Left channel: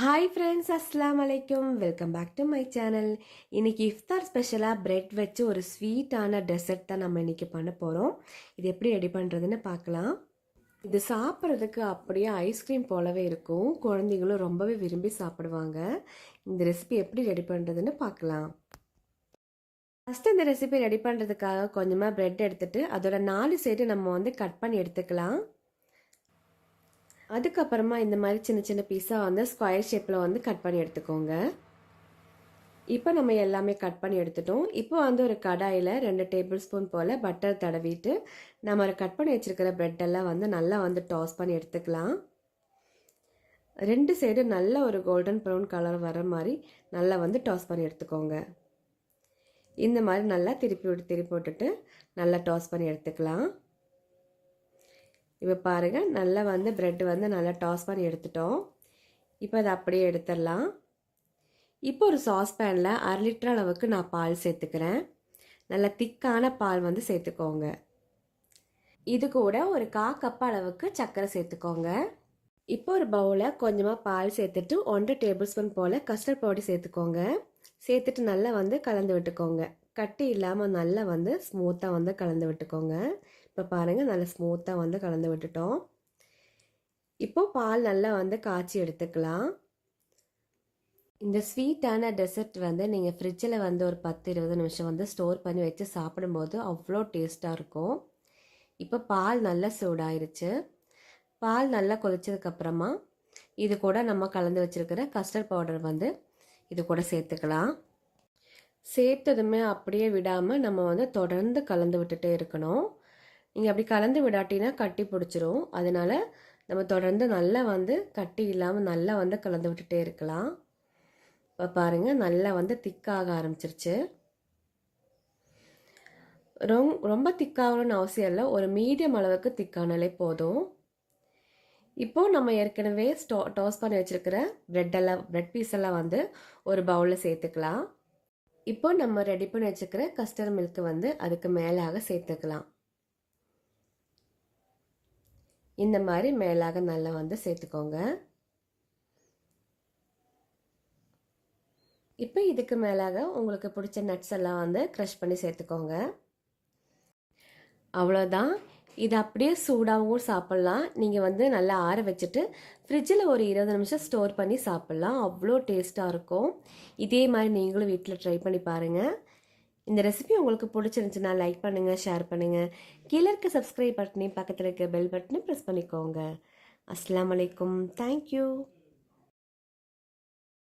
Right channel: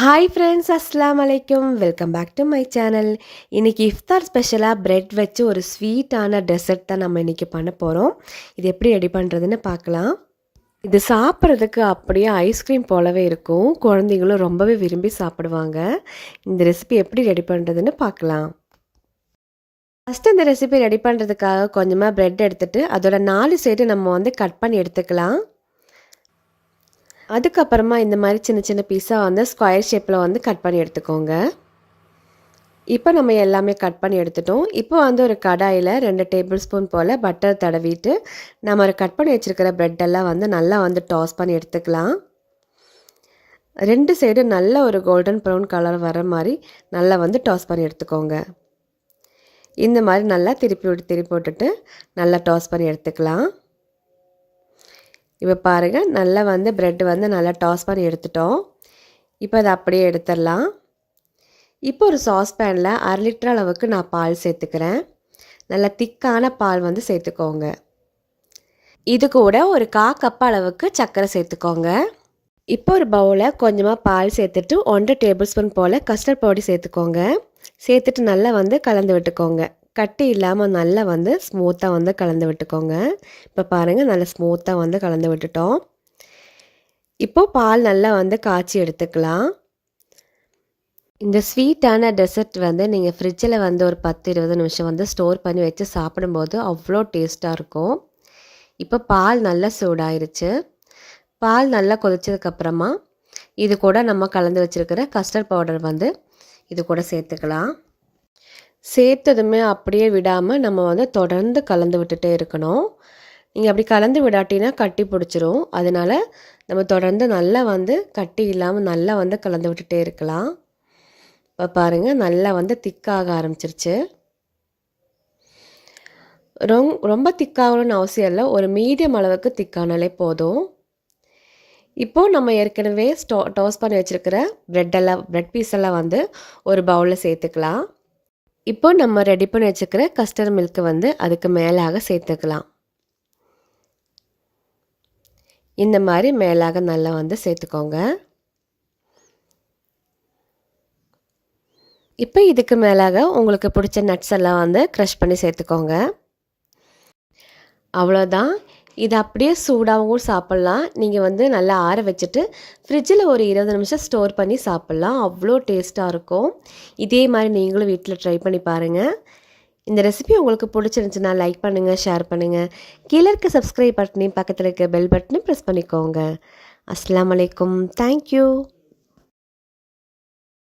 Hi friends, அஸ்ஸலாமு அலைக்கும். Welcome back to my channel. இன்றைக்கி இஃப்தார் ஸ்பெஷலாக பிரெட் வச்சு ஒரு ஸ்வீட்டான டெசர்ட் தான் நம்ம இன்றைக்கி பண்ண போகிறோம். இது எப்படி ரெடி பண்ணுறதுன்னு பார்க்கலாம். இது சாப்பிட்றதுக்கு அப்படியே ஐஸ்கிரீம் போலவே இருக்கும். குழந்தைங்களும் ரொம்பவே விரும்பி சாப்பிடுவாங்க. இந்த ரெசிபி எப்படி ரெடி பண்ணுறதுன்னு பார்க்கலாம். ஃபஸ்ட்டு இந்த ரெசிபி ரெடி பண்ணுறதுக்காக கொஞ்சமாக பிரெட் எடுத்துகிட்டு அதோட 4 சைடு நம்ம கட் பண்ணி எடுத்துக்கலாம். அதுக்கப்புறமா இந்த மாதிரி சின்ன சின்ன பீஸாக ஸ்கொயர் ஷேப்பில் கட் பண்ணி எடுத்துக்கோங்க. இப்போ நம்ம எல்லாமே கட் பண்ணி எடுத்துட்டோம். இப்போ ஒரு கடாயில் 2 டேபிள் ஸ்பூன் போல் பட்டர் தடவிட்டு நம்ம கட் பண்ணி வச்சுருக்கிற ப்ரெட்டெல்லாம் நல்லா டாஸ் பண்ணி எடுத்துக்கலாம். 2 சைடு நல்ல ஒரு கோல்டன் ப்ரௌன் கலர் வர மாதிரி நல்லா டாஸ் பண்ணி எடுத்துக்கோங்க. இந்த மாதிரி நல்லா திருப்பி போட்டுட்டு நல்லா டாஸ் பண்ணி எடுத்துக்கலாம். இப்போ பாருங்கள், நல்லா ப்ரெட் நல்லா டாஸ் பண்ணி எடுத்துட்டோம். இப்போ அதை அப்படியே எடுத்துடலாம். இப்போ ஒரு சாஸ்பேனில் 1/2 லிட்டர் அளவுக்கு நான் பால் சேர்த்துக்கிறேன். நல்லா திக்கான பால் சேர்த்துக்கோங்க. இது கூட ஒரு 1/4 கப் அளவுக்கு சர்க்கரை சேர்த்துக்கோங்க. இப்போ ஒரு பவுலில் கொஞ்சமாக பால் சேர்த்துட்டு 1 டேபிள் ஸ்பூன் போல் கஸ்டர்ட் பவுடர் சேர்த்துக்கோங்க. சேர்த்துட்டு நல்லா கலந்து விட்டுக்கோங்க. கட்டி இல்லாமல் நல்லா ஸ்மூத்தாக கலந்து விட்டுக்கோங்க. இப்போ பாருங்கள், நல்லா ஸ்மூத்தாக கலந்து விட்டுட்டோம். இப்போது பால் நல்லா காய்ச்சி எடுத்துக்கலாம். இந்த ஸ்வீட்டான டெசர்ட் நீங்கள் ஃப்ரிட்ஜில் ஒரு 10-20 நிமிஷம் ஸ்டோர் பண்ணி வச்சு சாப்பிடும்போது அவ்வளோ டேஸ்ட்டாக இருக்கும். இப்போ பால் நல்லா சூடாயிருச்சு. பால் நல்லா கொதிச்சதுக்கப்புறமா இது கூட நம்ம கலந்து வச்சுருக்கிற கஸ்டர்ட் பவுடர் இது கூட சேர்த்துக்கலாம். சேர்த்ததுமே அப்படியே விடாமல் நம்ம தொடர்ந்து கலந்து விட்டுட்டே இருக்கணும். நீங்கள் அப்படி கலந்து விடாட்டினா கட்டி பிடிச்சிரும். அதனால் நம்ம தொடர்ந்து நல்லா கட்டி இல்லாமல் நல்லா கலந்து விட்டுட்டே இருக்கலாம். இப்போ பாருங்கள், நல்லா திக்காக ஆரம்பிச்சிருச்சு. ரொம்ப திக்காகணும்னு அவசியம் இல்லை. ஒரு மீடியம் அளவுக்கு திக்கானாலே போதும். இப்போது நம்ம ஏற்கனவே டாஸ் பண்ணி வச்சுருக்கிற ப்ரெட் பீஸெல்லாம் ஒரு பவுலில் சேர்த்துக்கலாம். இப்போ நம்ம ரெடி பண்ணி வச்சுக்கிற கஸ்டர்ட் மில்க்கு அதுக்கு மேலாக சேர்த்துக்கலாம். இந்த மாதிரி மேலாக நல்லா சேர்த்துக்கோங்க. இப்போ இதுக்கு மேலாக உங்களுக்கு பிடிச்ச நட்ஸ் எல்லாம் க்ரஷ் பண்ணி சேர்த்துக்கோங்க. அவ்வளோதான். இது அப்படியே சூடாகவும் சாப்பிட்லாம். நீங்கள் நல்லா ஆற வச்சுட்டு ஃப்ரிட்ஜில் ஒரு 20 நிமிஷம் ஸ்டோர் பண்ணி சாப்பிட்லாம். அவ்வளோ டேஸ்ட்டாக இருக்கும். இதே மாதிரி நீங்களும் வீட்டில் ட்ரை பண்ணி பாருங்கள். இந்த ரெசிபி உங்களுக்கு பிடிச்சிருந்துச்சுன்னா லைக் பண்ணுங்கள், ஷேர் பண்ணுங்கள். கீழே இருக்க சப்ஸ்கிரைப் பட்டனையும் பக்கத்தில் இருக்க பெல் பட்டனையும் ப்ரெஸ் பண்ணிக்கோங்க. அஸ்ஸலாமு அலைக்கும். தேங்க்யூ.